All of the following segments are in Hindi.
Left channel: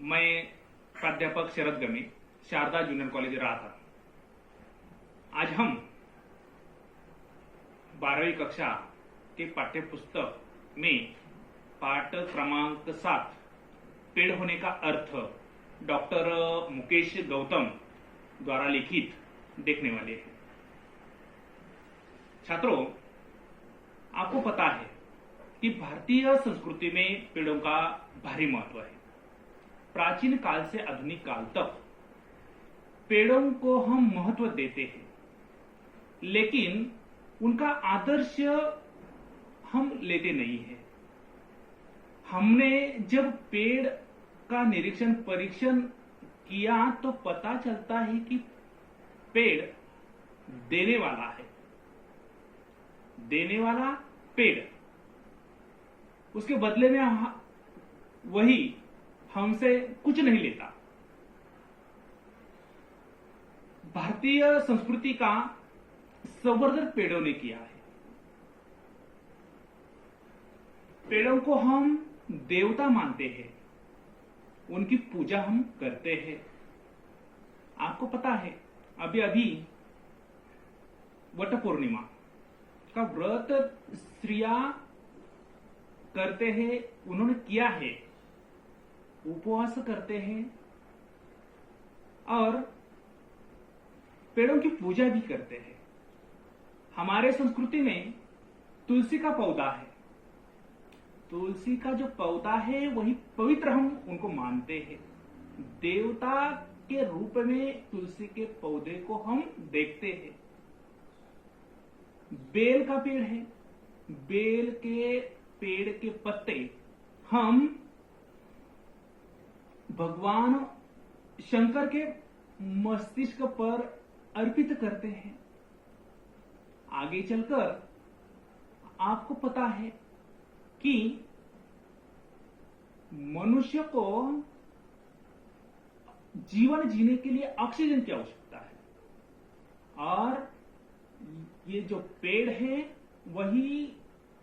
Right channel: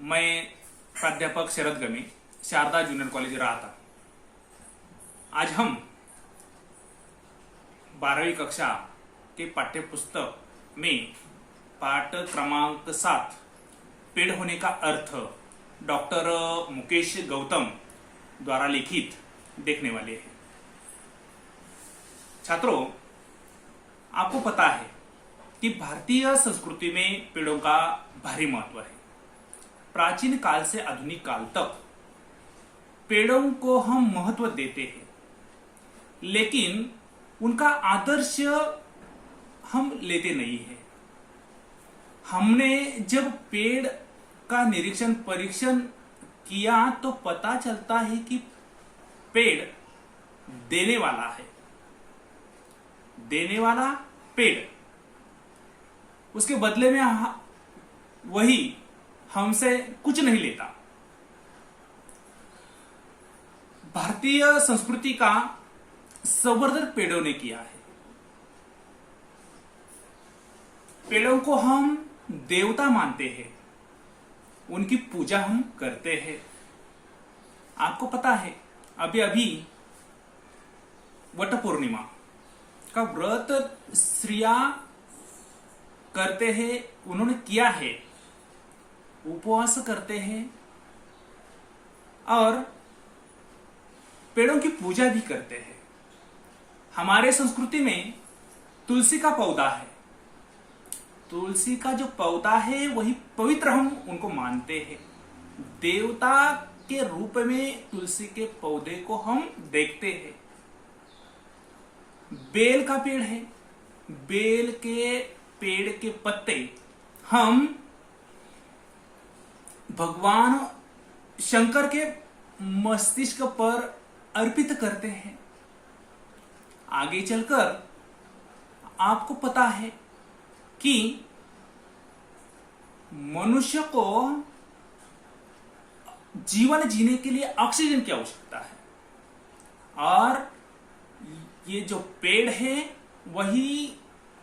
मैं प्राध्यापक शरद गमे, शारदा जूनियर कॉलेज रहा। आज हम 12वीं कक्षा के पाठ्य पुस्तक में पाठ क्रमांक 7 पेड़ होने का अर्थ डॉक्टर मुकेश गौतम द्वारा लिखित देखने वाले हैं। छात्रों, आपको पता है कि भारतीय संस्कृति में पेड़ों का भारी महत्व है। प्राचीन काल से आधुनिक काल तक पेड़ों को हम महत्व देते हैं, लेकिन उनका आदर्श हम लेते नहीं हैं। हमने जब पेड़ का निरीक्षण परीक्षण किया तो पता चलता है कि पेड़ देने वाला है। देने वाला पेड़, उसके बदले में वही हमसे कुछ नहीं लेता। भारतीय संस्कृति का संवर्धन पेड़ों ने किया है। पेड़ों को हम देवता मानते हैं, उनकी पूजा हम करते हैं। आपको पता है, अभी अभी वट पूर्णिमा का व्रत स्त्रियां करते हैं, उन्होंने किया है, उपवास करते हैं और पेड़ों की पूजा भी करते हैं। हमारे संस्कृति में तुलसी का पौधा है। तुलसी का जो पौधा है वही पवित्र हम उनको मानते हैं। देवता के रूप में तुलसी के पौधे को हम देखते हैं। बेल का पेड़ है। बेल के पेड़ के पत्ते हम भगवान शंकर के मस्तिष्क पर अर्पित करते हैं। आगे चलकर आपको पता है कि मनुष्य को जीवन जीने के लिए ऑक्सीजन की आवश्यकता है, और ये जो पेड़ है वही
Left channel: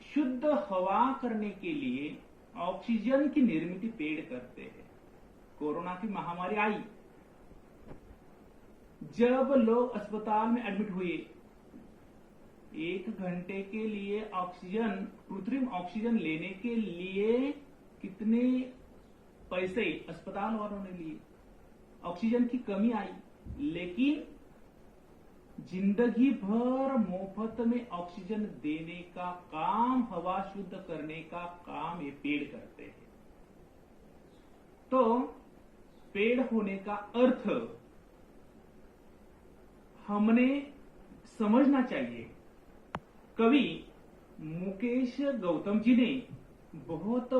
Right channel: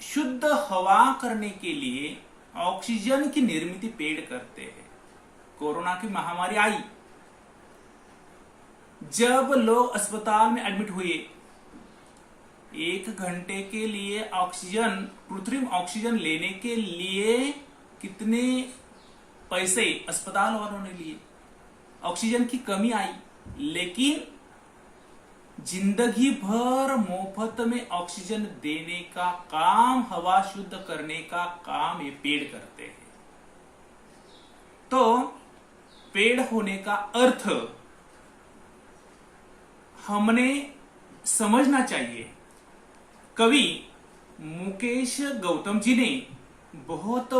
शुद्ध हवा करने के लिए ऑक्सीजन की निर्मित पेड़ करते हैं। कोरोना की महामारी आई, जब लोग अस्पताल में एडमिट हुए, 1 घंटे के लिए ऑक्सीजन, कृत्रिम ऑक्सीजन लेने के लिए कितने पैसे अस्पताल वालों ने लिए। ऑक्सीजन की कमी आई, लेकिन जिंदगी भर मुफ्त में ऑक्सीजन देने का काम, हवा शुद्ध करने का काम ये पेड़ करते हैं। तो पेड़ होने का अर्थ हमने समझना चाहिए। कवि मुकेश गौतम जी ने बहुत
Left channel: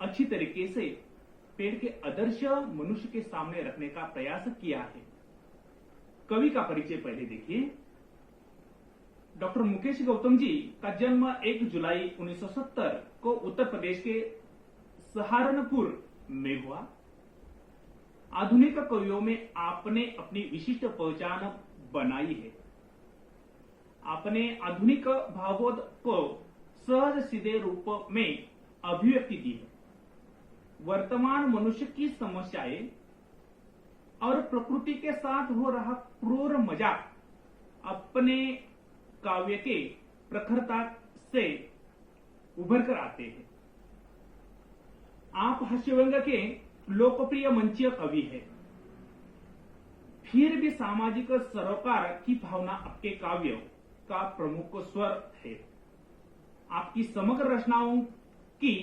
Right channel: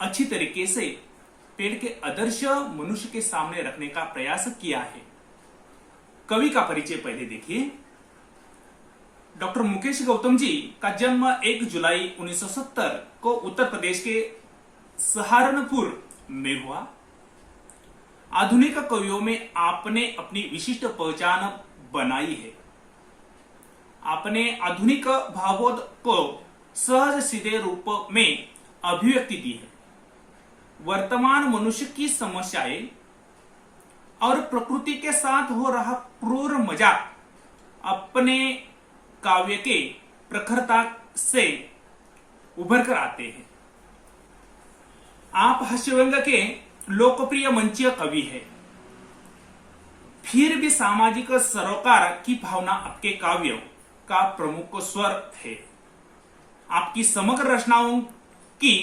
अच्छी तरीके से पेड़ के आदर्श मनुष्य के सामने रखने का प्रयास किया है। कवि का परिचय पहले देखिए। डॉक्टर मुकेश गौतम जी का जन्म 1 जुलाई 1970 को उत्तर प्रदेश के सहारनपुर में हुआ। आधुनिक कवियों में आपने अपनी विशिष्ट पहचान बनाई है। आपने आधुनिक भावों को सहज सीधे रूप में अभिव्यक्ति दी है। वर्तमान मनुष्य की समस्याएं और प्रकृति के साथ हो रहा क्रूर मजाक अपने काव्य के प्रखरता से उभर कर आते हैं। आप हास्यव्यंग के लोकप्रिय मंचीय कवि है, फिर भी सामाजिक सरोकार की भावना आपके काव्यों का प्रमुख स्वर है। आपकी समग्र रचनाओं की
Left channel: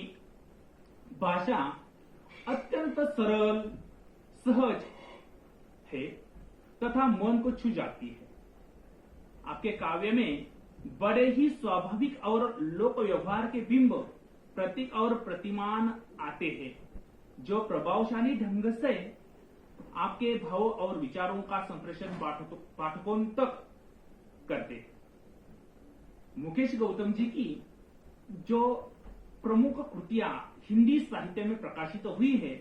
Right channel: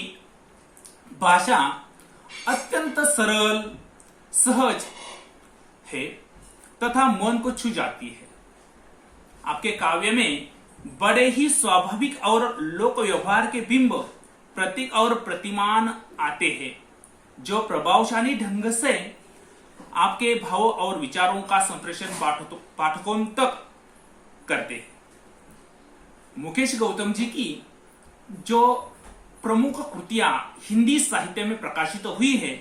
भाषा अत्यंत सरल, सहज है तथा मन को छू जाती है। आपके काव्य में बड़े ही स्वाभाविक और लोक व्यवहार के बिंब, प्रतीक और प्रतिमान आते हैं, जो प्रभावशाली ढंग से आपके भावों और विचारों का संप्रेषण पाठकों तक करते हैं। मुकेश गौतम जी की जो प्रमुख कृतियां हिंदी साहित्य में प्रकाशित हुई है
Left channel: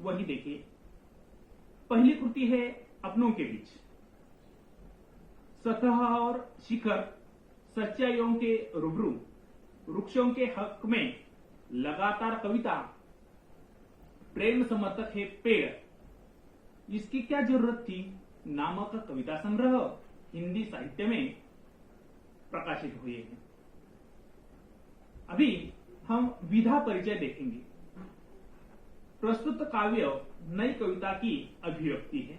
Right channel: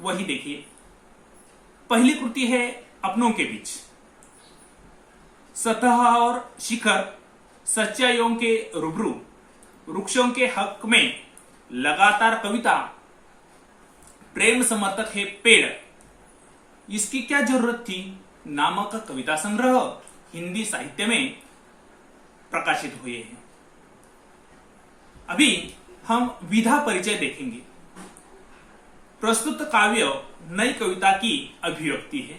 वही देखिए। पहली कृति है अपनों के बीच। सतह और शिखर, सच्चाइयों के रूबरू, वृक्षों के हक में लगातार कविता, प्रेम समर्थक है पेड़, इसकी क्या जरूरत थी नामक कविता संग्रह हिंदी साहित्य में प्रकाशित हुए हैं। अभी हम विधा परिचय देखेंगे। प्रस्तुत काव्य नई कविता की अभिव्यक्ति है।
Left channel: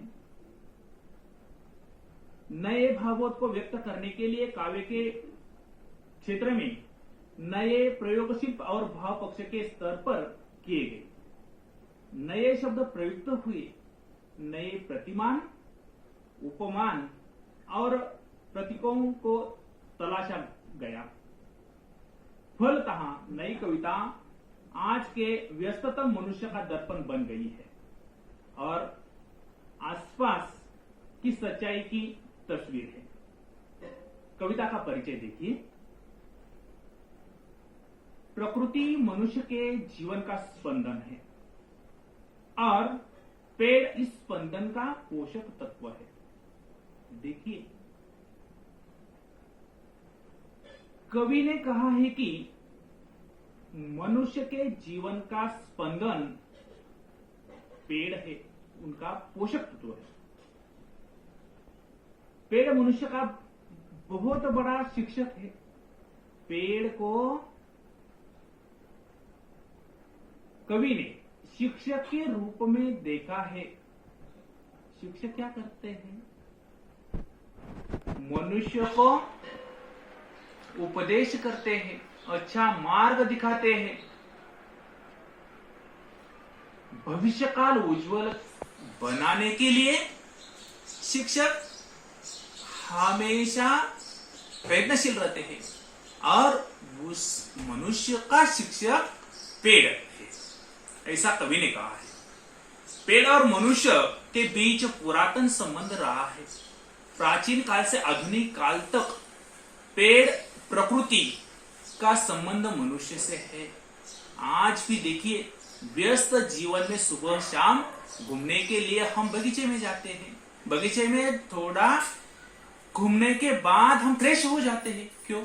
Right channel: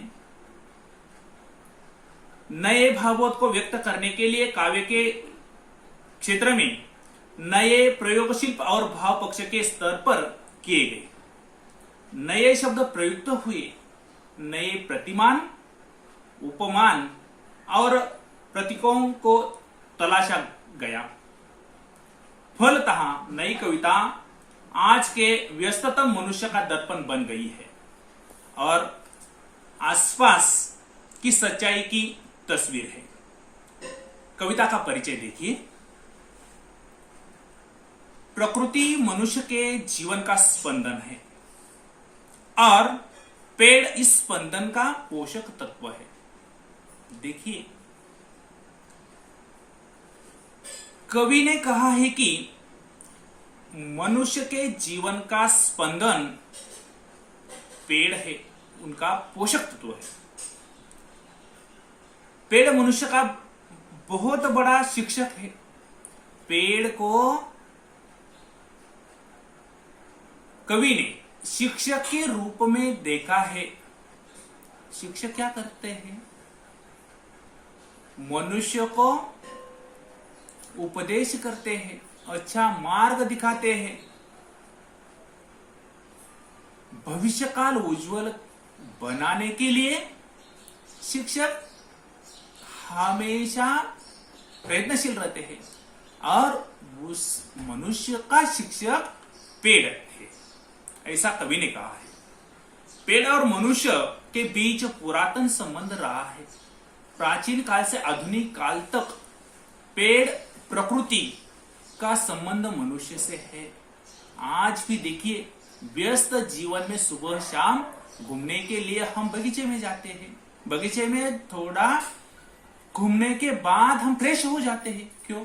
नए भावों को व्यक्त करने के लिए काव्य के क्षेत्र में नए प्रयोगशिल्प और भाव पक्ष के स्तर पर किए गए। नए शब्द प्रयुक्त हुए, नए प्रतिमान, उपमान और प्रतीकों को तलाशा गया। फलतः नई कविता आज के व्यस्ततम मनुष्य का दर्पण बन गई है और आसपास की सच्चाई की तस्वीर है। कविता का परिचय देखिए। प्रकृति मनुष्य के जीवन का स्पंदन है और पेड़ इस स्पंदन का पोषक तत्व है। देखिए, कवि ने कहा है कि मनुष्य के जीवन का स्पंदन पेड़ है, उनका पोषक तत्व है। पेड़ मनुष्य का बहुत बड़ा शिक्षक है। पेड़ को कवि ने शिक्षक के रूप में देखा है। शिक्षक क्या करते हैं? मनुष्य को उपदेश करते हैं, अच्छा मार्ग दिखाते हैं, भविष्य काल उज्जवल बनाने के लिए शिक्षक हमेशा प्रयत्नशील रहते हैं और उस मनुष्य का शिक्षक पेड़ है, ऐसा कवि ने कहा है। पेड़ और मनुष्य के बीच पुरातन संबंध रहा है। प्राचीन काल से आधुनिक काल तक पेड़ प्रकृति का संबंध मनुष्य से है। आज भी देखिए, व्यस्त जीवन में सुबह शाम घूमने के लिए हम बगीचे में जाते हैं। बगीचे में थोड़ा घूमने के बाद हम फ्रेश हो जाते हैं। क्यों?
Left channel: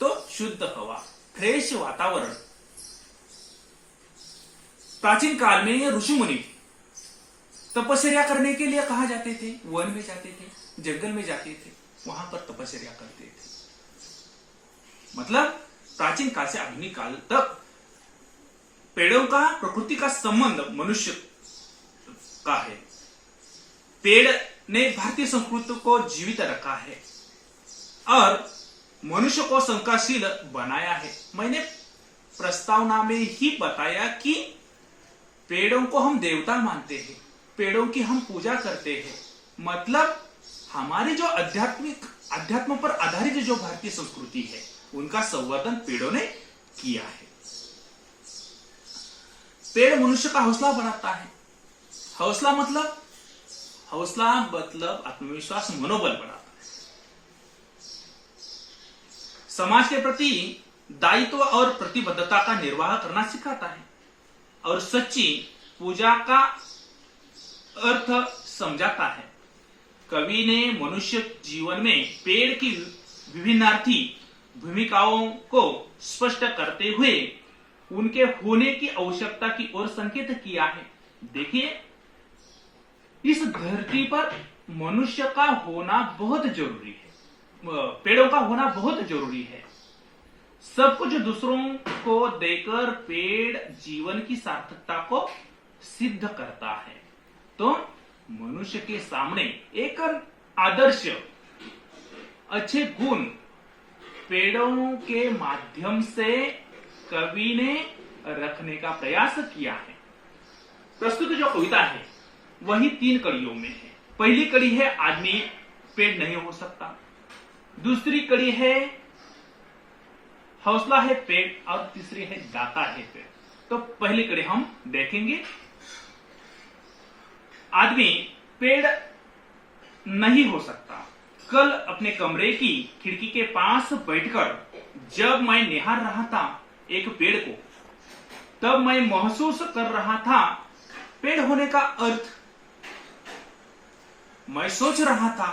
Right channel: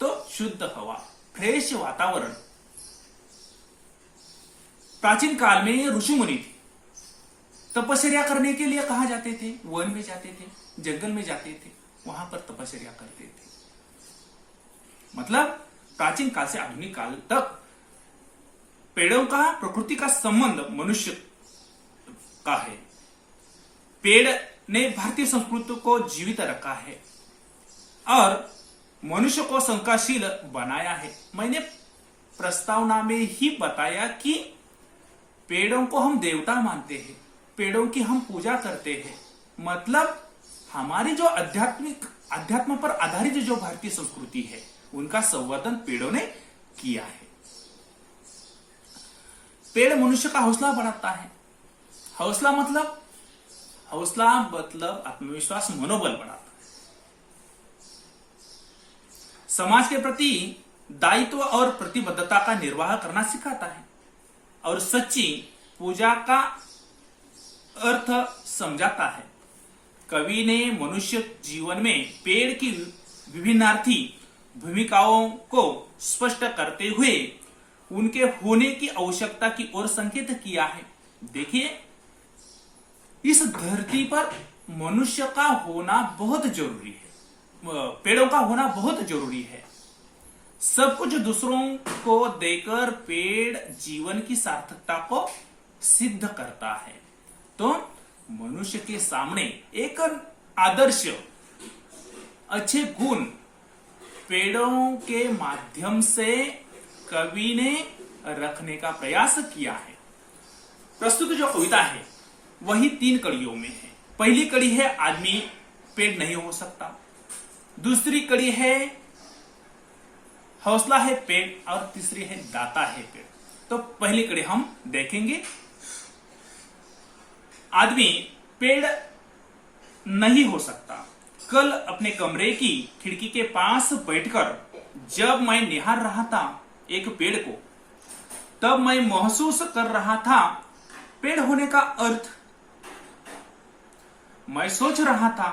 तो शुद्ध हवा, फ्रेश वातावरण। प्राचीन काल में ऋषि मुनि तपस्या करने के लिए कहा जाते थे? वन में जाते थे, जंगल में जाते थे, वहां पर तपस्या करते थे। मतलब प्राचीन काल से आधुनिक काल तक पेड़ों का प्रकृति का संबंध मनुष्य का है। पेड़ ने भारतीय संस्कृति को जीवित रखा है और मनुष्य को शंकाशील बनाया है। मैंने प्रस्तावना में ही बताया कि पेड़ों को हम देवता मानते हैं, पेड़ों की हम पूजा करते हैं। मतलब हमारी जो अध्यात्म पर आधारित जो भारतीय संस्कृति है, उनका संवर्धन पेड़ों ने किया है। पेड़ मनुष्य का हौसला बढ़ाता है। हौसला मतलब आत्मविश्वास, मनोबल बढ़ाता है। समाज के प्रति दायित्व और प्रतिबद्धता का निर्वाह करना सिखाता है और सच्ची पूजा का अर्थ समझाता है। कवि ने मनुष्य जीवन में पेड़ की विभिन्नार्थी भूमिकाओं को स्पष्ट करते हुए उनके होने की आवश्यकता की ओर संकेत किया है। देखिए, इस धरती पर मनुष्य का होना बहुत जरूरी है, पेड़ों का होना बहुत जरूरी है। सब कुछ दूसरों को देकर पेड़ जीवन की सार्थकता को सिद्ध करता है। तो मनुष्य के सामने एक आदर्श, अच्छे गुण पेड़ों के माध्यम से कवि ने रखने का प्रयास किया है। प्रस्तुत जो कविता है वही 3 कड़ियों में है। पहली कड़ी है आदमी पेड़ नहीं हो सकता, दूसरी कड़ी है हौसला है पेड़ और तीसरी है दाता है पेड़। तो पहली कड़ी हम देखेंगे। आदमी पेड़ नहीं हो सकता। कल अपने कमरे की खिड़की के पास बैठकर जब मैं निहार रहा था एक पेड़ को, तब मैं महसूस कर रहा था पेड़ होने का अर्थ। मैं सोच रहा था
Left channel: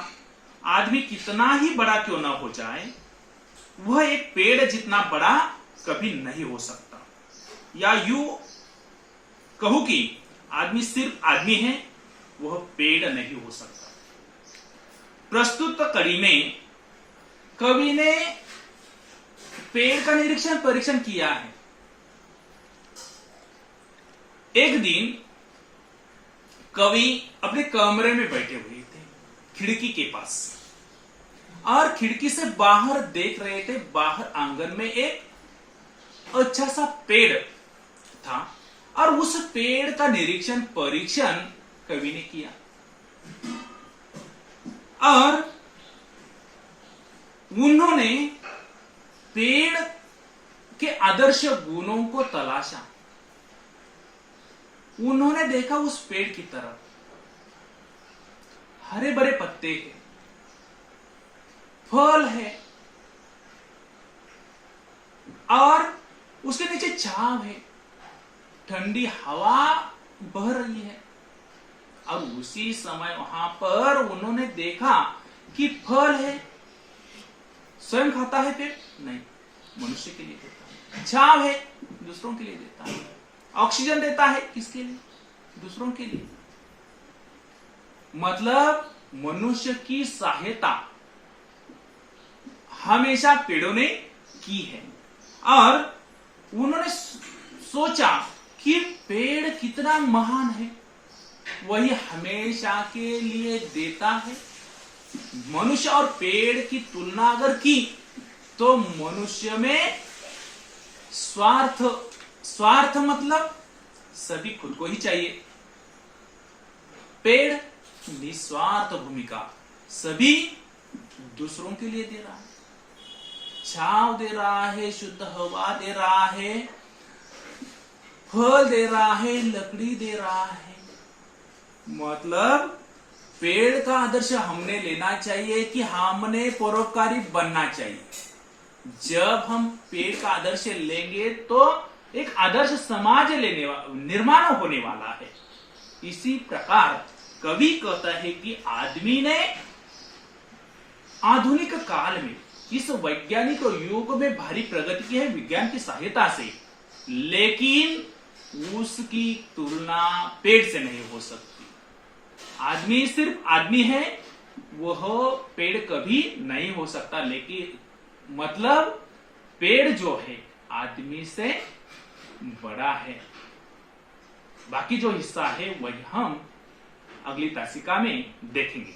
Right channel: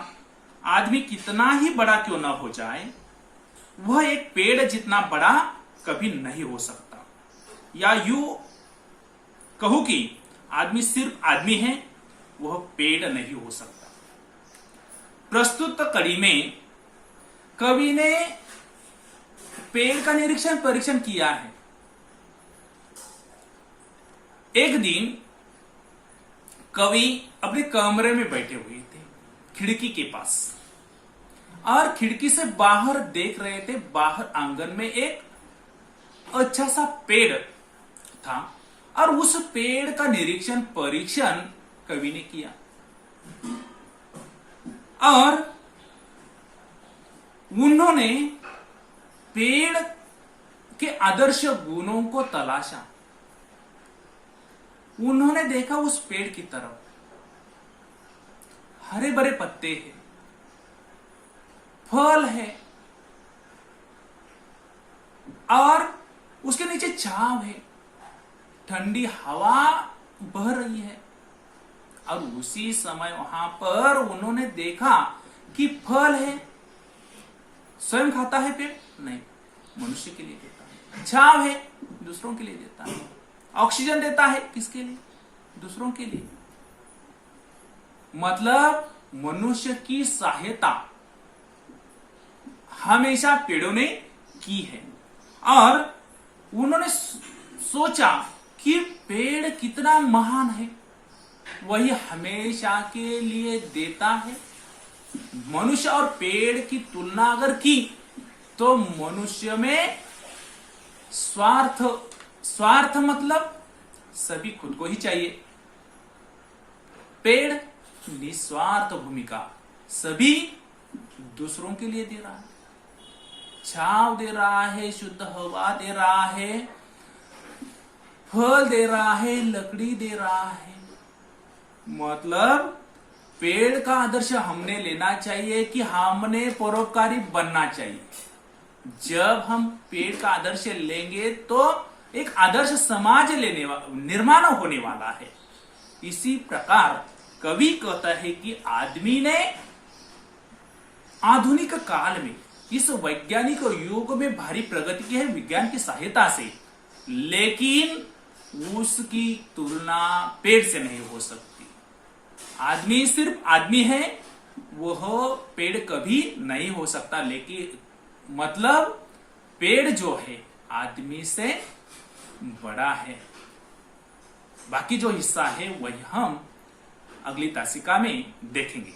आदमी कितना ही बड़ा क्यों ना हो जाए, वह एक पेड़ जितना बड़ा कभी नहीं हो सकता। या यूं कहूं कि आदमी सिर्फ आदमी है, वह पेड़ नहीं हो सकता। प्रस्तुत कड़ी में कवि ने पेड़ का निरीक्षण परीक्षण किया है। एक दिन कवि अपने कमरे में बैठे हुए थे, खिड़की के पास, और खिड़की से बाहर देख रहे थे। बाहर आंगन में एक अच्छा सा पेड़ था और उस पेड़ का निरीक्षण परीक्षण कवि ने किया और उन्होंने पेड़ के आदर्श गुणों को तलाशा। उन्होंने देखा उस पेड़ की तरफ हरे भरे पत्ते हैं, फल है और उसके नीचे छांव है, ठंडी हवा बह रही है। और उसी समय वहां पर उन्होंने देखा कि फल है। स्वयं खाता है पेड़? नहीं, मनुष्य के लिए देता है। छांव है, दूसरों के लिए देता है। ऑक्सीजन देता है, किसके लिए? दूसरों के लिए। मतलब मनुष्य की सहायता हमेशा पेड़ों ने की है। और उन्होंने सोचा कि पेड़ कितना महान है, वही हमेशा के लिए देता है। मनुष्य और पेड़ की तुलना अगर की तो मनुष्य में स्वार्थ मतलब सभी खुद को ही चाहिए। पेड़ निस्वार्थ भूमिका, सभी दूसरों के लिए दे रहा है, छांव दे रहा है, शुद्ध हवा दे रहा है, फल दे रहा है, लकड़ी दे रहा है। मतलब पेड़ का आदर्श हमने लेना चाहिए कि हमने परोपकारी बनना चाहिए। जब हम पेड़ का आदर्श लेंगे तो एक आदर्श समाज निर्माण होने वाला है। इसी प्रकार कवि कहता है कि आदमी ने आधुनिक काल में इस वैज्ञानिक युग में भारी प्रगति की है विज्ञान की सहायता से, लेकिन उसकी तुलना पेड़ से नहीं हो सकती। आदमी सिर्फ आदमी है, वह पेड़ कभी नहीं हो सकता। लेकिन मतलब पेड़ जो है आदमी से बड़ा है। बाकी जो हिस्सा है वही हम अगली तासिका में देखेंगे।